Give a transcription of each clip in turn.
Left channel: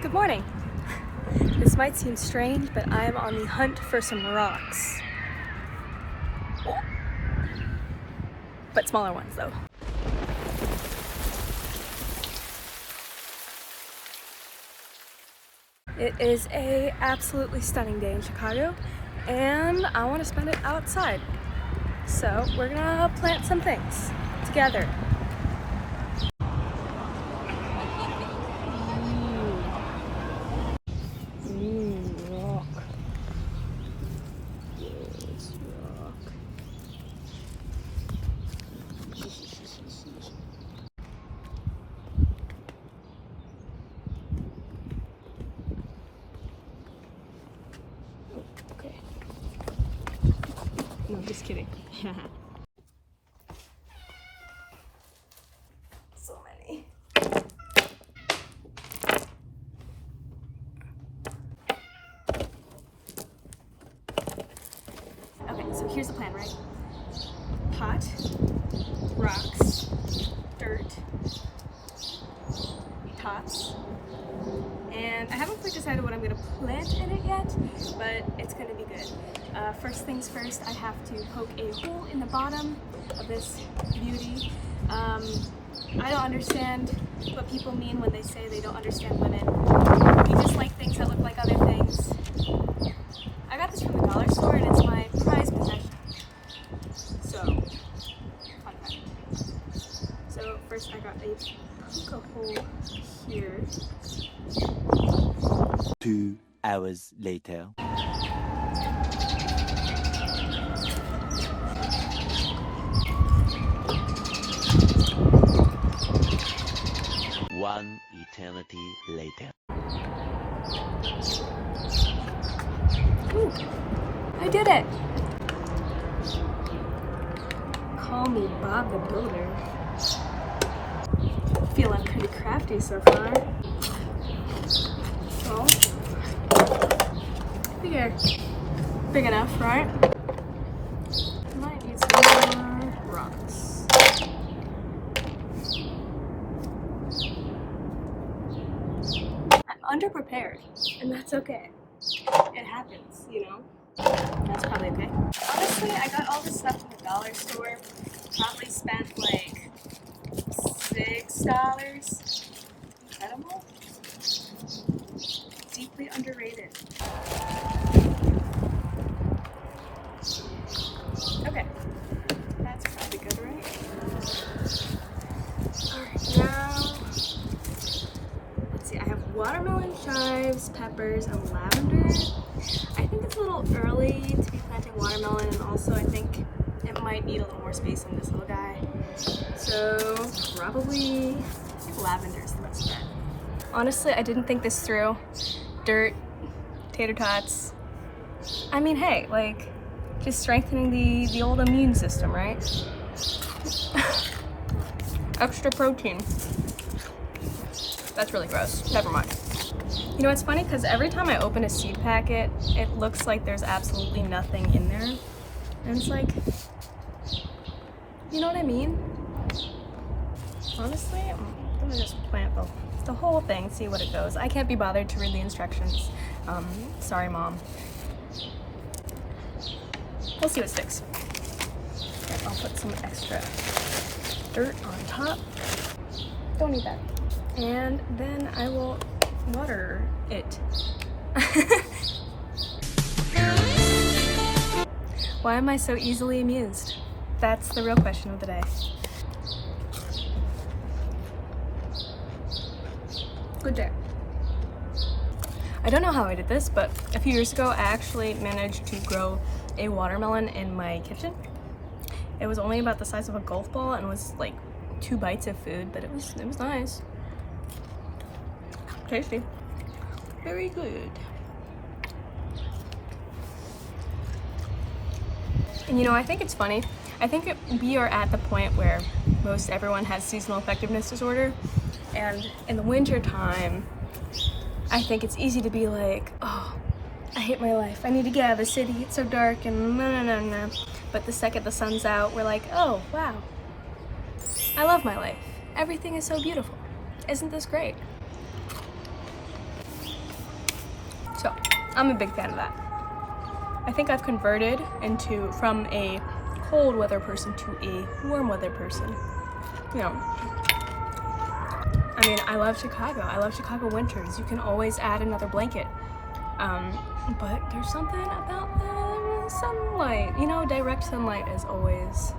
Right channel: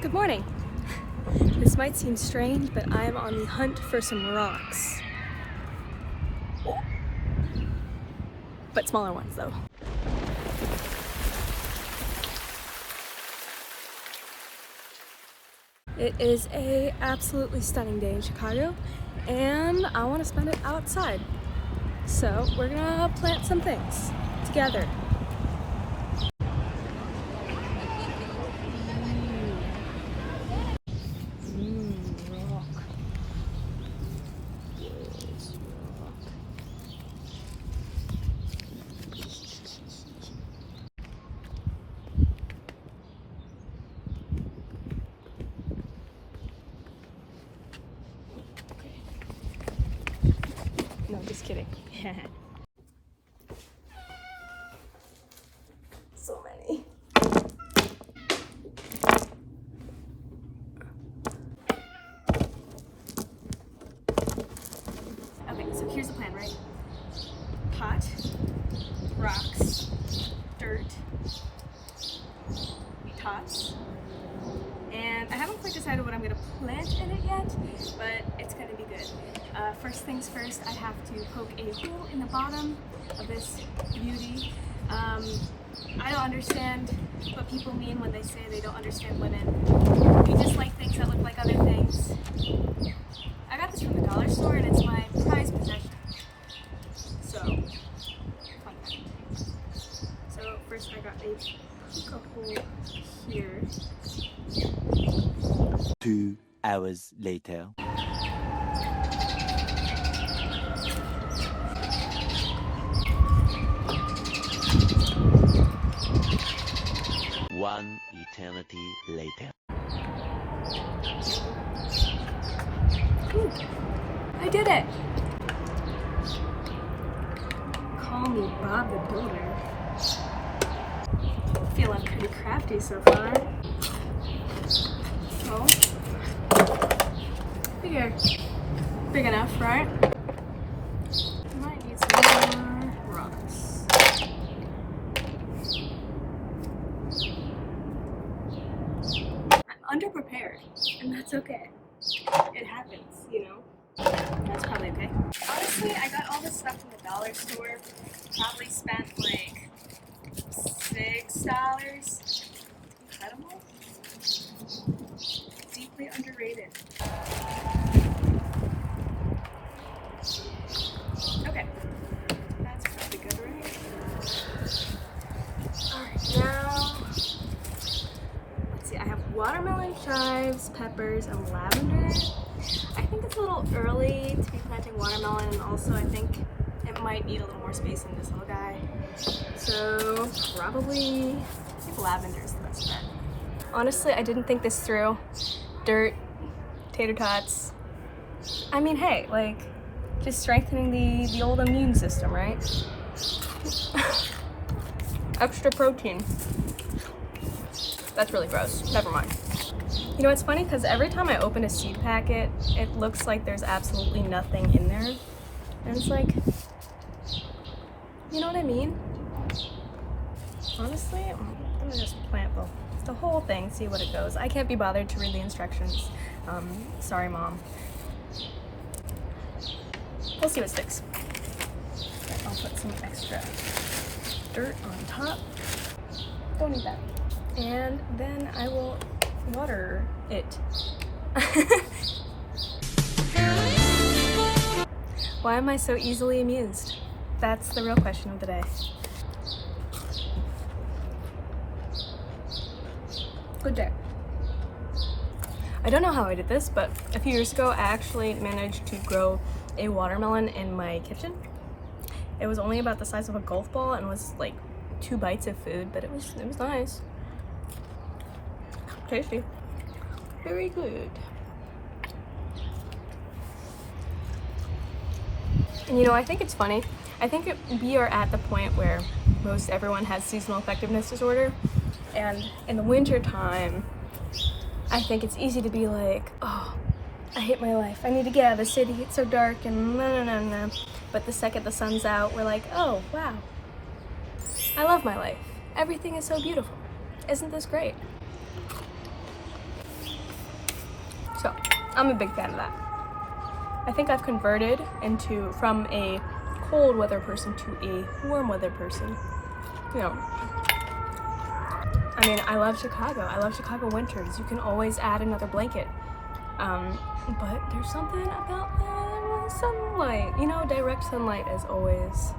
Good morning. This might seem strange, but I am on the hunt for some rocks. But smaller ones though. It is a absolutely stunning day in Chicago and I want to spend it outside. So we're gonna plant some things together. Rock. Yes, rock. Okay. No, just kidding. So many. Okay, so here's the plan, right? Pot, rocks, dirt, tots, and I haven't quite decided what I'm going to plant in it yet, but it's going to be good. First things first, I have to poke a hole in the bottom of this beauty. I don't understand what people mean when they say they don't understand women. We just like things that look like other things. I got this from the dollar store and it's my prized possession. So, fun fact. So first I got a poke a hole here. 2 hours later. One eternity later. Ooh, I did it! Call me Bob the Builder. Feeling pretty crafty so far. So, figure big enough, right? Might need some more rocks. I'm underprepared, and that's okay. It happens, you know? That's probably okay. Honestly, I got all this stuff from the dollar store. Probably spent like $6. Incredible. Deeply underrated. Okay. That's probably good, right? Alright, now let's see, I have watermelon, chives, peppers, and lavender. I think it's a little early to be planting watermelon, and also I think it might need a little more space than this little guy. So probably, I think lavender is the best bet. Honestly, I didn't think this through. Dirt, tater tots. I mean, hey, like, just strengthening the old immune system, right? Extra protein. That's really gross. Never mind. You know, it's funny because every time I open a seed packet, it looks like there's absolutely nothing in there. And it's like, you know what I mean? Honestly, I'm gonna just plant the whole thing, see what it goes. I can't be bothered to read the instructions. Sorry, Mom. We'll see what sticks. Okay, I'll put some extra dirt on top. Don't need that. And then I will water it. Why am I so easily amused? That's the real question of the day. Good day. I don't know how I did this, but a few years ago I actually managed to grow a watermelon in my kitchen. It was only about the size of a golf ball and was like 2 bites of food, but it was nice. Tasty. Very good. And you know, I think it's funny. I think we are at the point where most everyone has seasonal effectiveness disorder, and in the winter time, I think it's easy to be like, oh, I hate my life. I need to get out of the city. It's so dark and no. But the second the sun's out, we're like, oh, wow. I love my life. Everything is so beautiful. Isn't this great? I'm a big fan of that. I think I've converted from a cold weather person to a warm weather person. You know, I mean, I love Chicago. I love Chicago winters. You can always add another blanket. But there's something about the sunlight. You know, direct sunlight is always,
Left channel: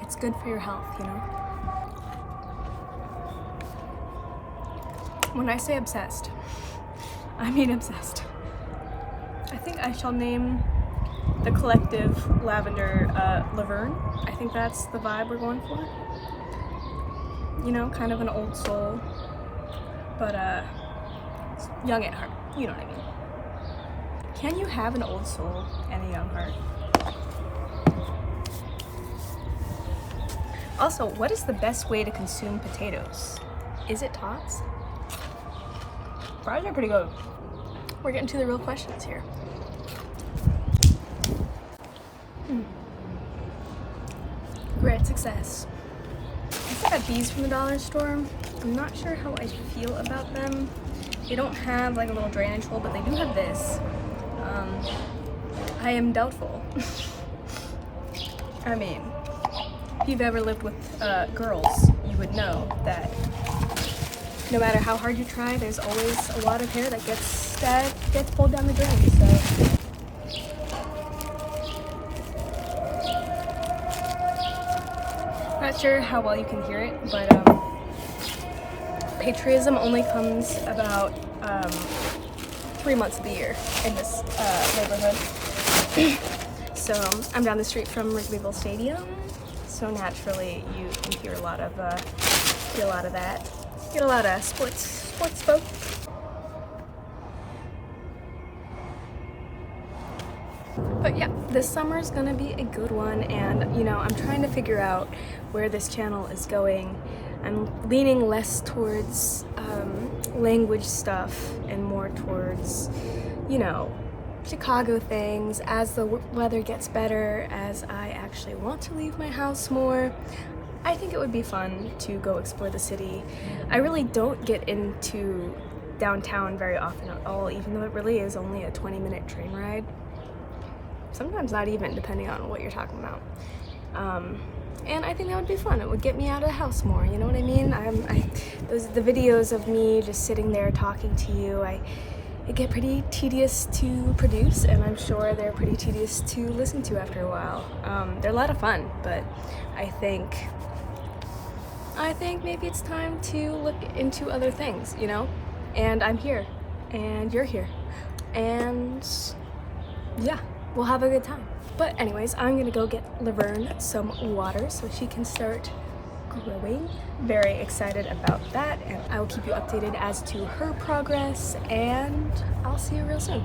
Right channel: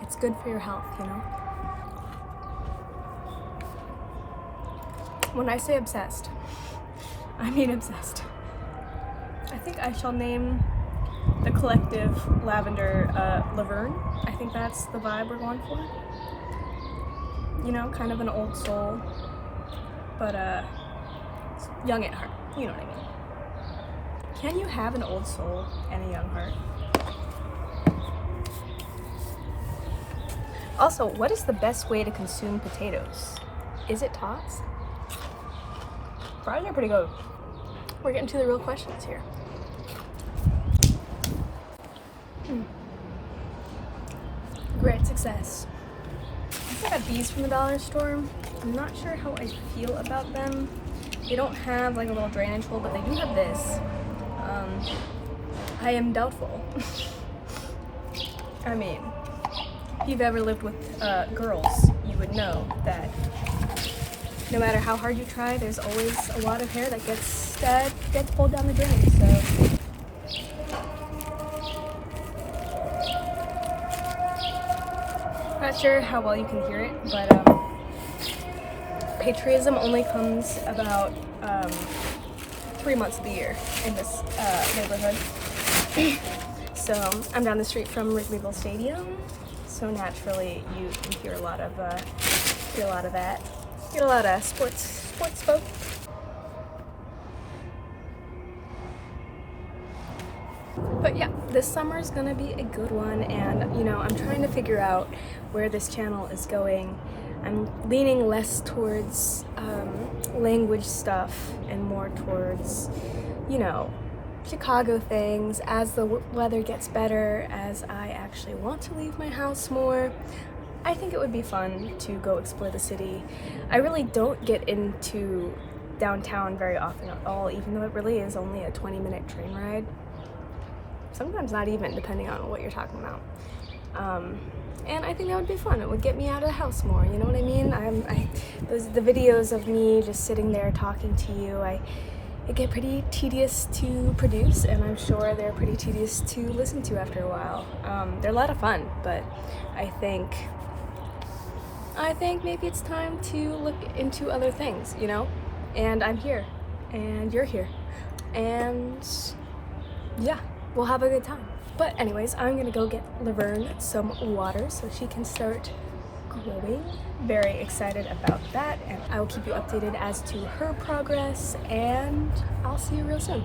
it's good for your health, you know? When I say obsessed, I mean obsessed. I think I shall name the collective Lavender Laverne. I think that's the vibe we're going for. You know, kind of an old soul, but young at heart. You know what I mean. Can you have an old soul and a young heart? Also, what is the best way to consume potatoes? Is it tots? Fries are pretty good. We're getting to the real questions here. Great success. I also got these from the dollar store. I'm not sure how I feel about them. They don't have like a little drainage hole, but they do have this. I am doubtful. I mean, if you've ever lived with girls, you would know that no matter how hard you try, there's always a lot of hair that gets pulled down the drain. So. Not sure how well you can hear it, but patriotism only comes about 3 months of the year in this neighborhood. So I'm down the street from Wrigleyville Stadium, so naturally you hear a lot of that. Get a lot of sports folk. But yeah, this summer is gonna be a good one, and you know, I'm trying to figure out where this channel is going. I'm leaning less towards language stuff and more towards, you know, Chicago things. As the weather gets better, as I actually want to leave my house more, I think it would be fun to go explore the city. I really don't get into downtown very often at all, even though it really is only a 20-minute train ride. Sometimes not even, depending on what you're talking about. And I think that would be fun. It would get me out of the house more, you know what I mean? The videos of me just sitting there talking to you, it get pretty tedious to produce, and I'm sure they're pretty tedious to listen to after a while. They're a lot of fun, but I think maybe it's time to look into other things, you know? And I'm here, and you're here, and yeah, we'll have a good time. But anyways, I'm gonna go get Laverne some water so she can start growing. Very excited about that, and I will keep you updated as to her progress, and I'll see you real soon.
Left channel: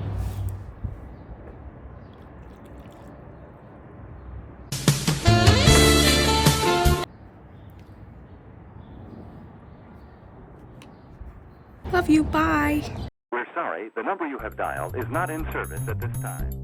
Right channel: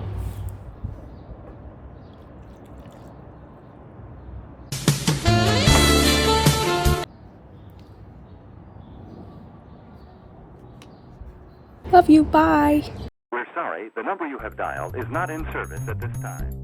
Love you, bye. We're sorry, the number you have dialed is not in service at this time.